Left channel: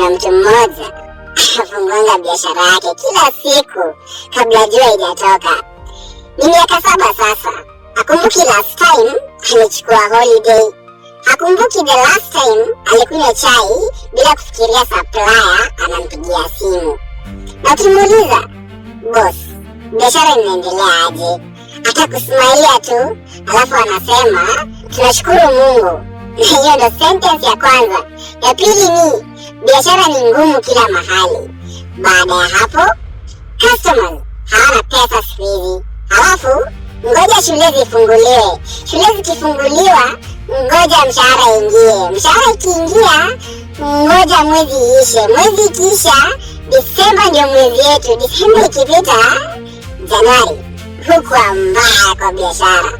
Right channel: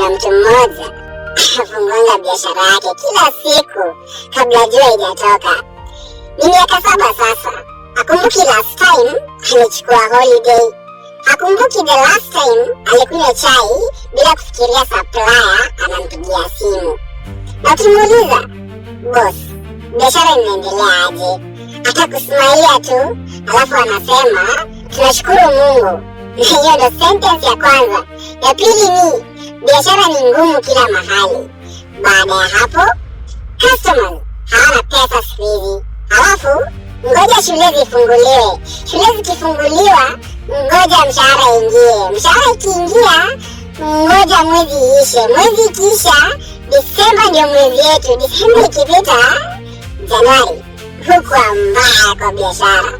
kuna mtu mmoja anafunguanga biashara yake kila siku kabla jua haijatoka. Ni miaka 7 sasa. Hakumbuki last time alichukua holiday. Hakumbuki the last time alikunywa chai bila kufikiria supplier anampigia simu. Na ukimuuliza, boss, biashara inaendelea aje? Atakusmailia tu, alafu anasema tunashukuru Mungu. Hiyo ndo sentence ya kwanza. Ya pili ni biashara ni ngumu kila mahali. Baada ya hapo, customers hawana pesa siku hizi. Alafu ngoja shule zifunguliwe. Shule zikifunguliwa, ngoja mshahara ingie. Mshahara ikiingia, ngoja mwezi iishe. Mwezi ikiisha, Disemba ndio mwezi yetu. Disemba ikipita, Januari hukuwa mbaya kwa biashara,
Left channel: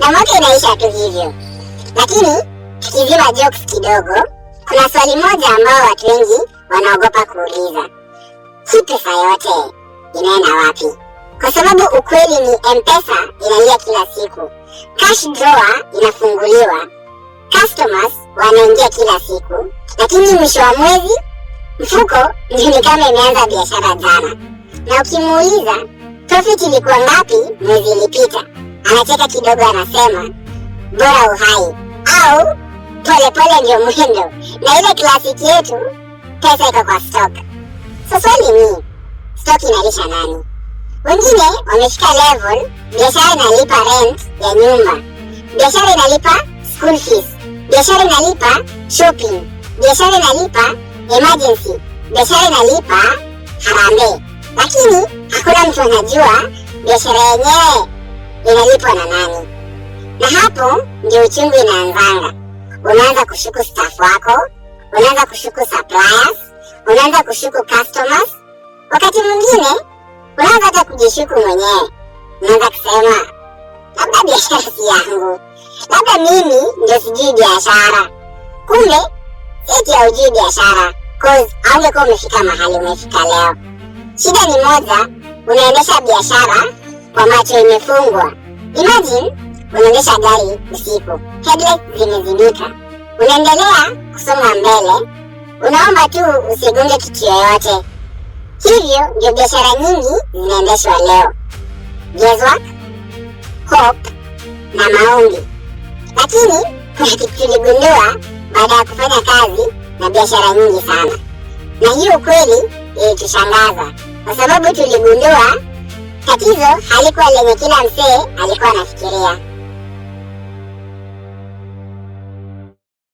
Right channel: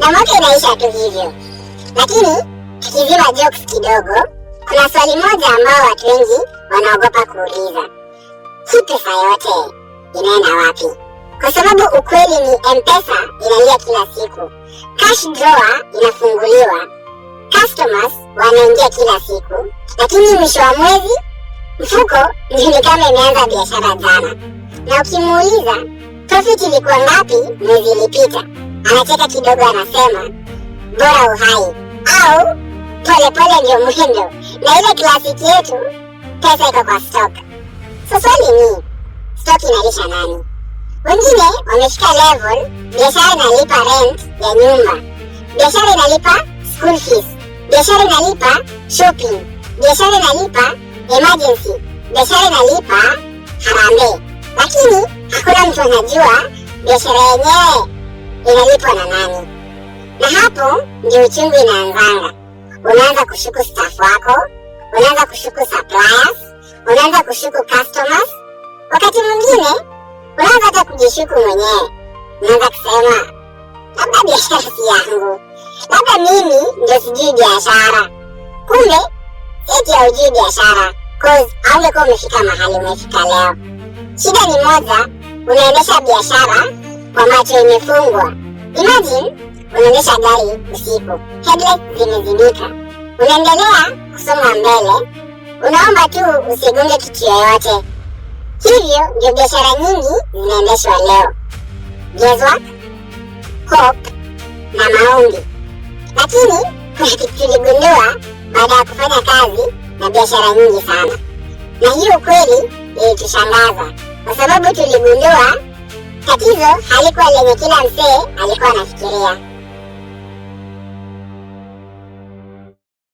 na mwaka inaisha tu hivyo. Lakini tukizima jokes kidogo, kuna swali moja ambao watu wengi wanaogopa kuuliza: hii pesa yote inaenda wapi? Kwa sababu ukweli ni M-Pesa inalia kila siku, cash drawer inafunguliwa, customers wanaingia kila siku, lakini mwisho wa mwezi mfuko ndio ni kama imeanza biashara jana. Na ukimuuliza profit ilikuwa ngapi mwezi ilipita, anacheka kidogo, anasema bora uhai au polepole ndio mwendo, na ile klasiki yetu pesa iko kwa stock. So swali ni stock inalisha nani? Wengine wamefika level biashara inalipa rent ya nyumba, biashara inalipa school fees, biashara inalipa shopping, biashara inalipa emergency, biashara inalipa harambee, lakini hakuna mtu anajua biashara yenyewe inalipwa na nani. Na hapo ndio uchungu inaanzanga. Unaanza kushuku staff wako, unaanza kushuku suppliers, unaanza kushuku customers. Wakati mwingine unaanza hata kujishuku mwenyewe. Unaanza kusema labda biashara si yangu, labda mimi ndio sijui biashara. Kumbe eti haujui biashara, cause haungekuwa umefika mahali umefika leo. Shida ni moja, unaendesha biashara kwa macho imefungwa. Imagine unaendesha gari usiku, headlights zimezimika, unaendelea kusonga mbele, unaomba tu usigonge kitu yoyote. Hivyo ndio biashara nyingi zinaendeshwa leo: guesswork, hope na maombi. Lakini kuna kitu tuligundua,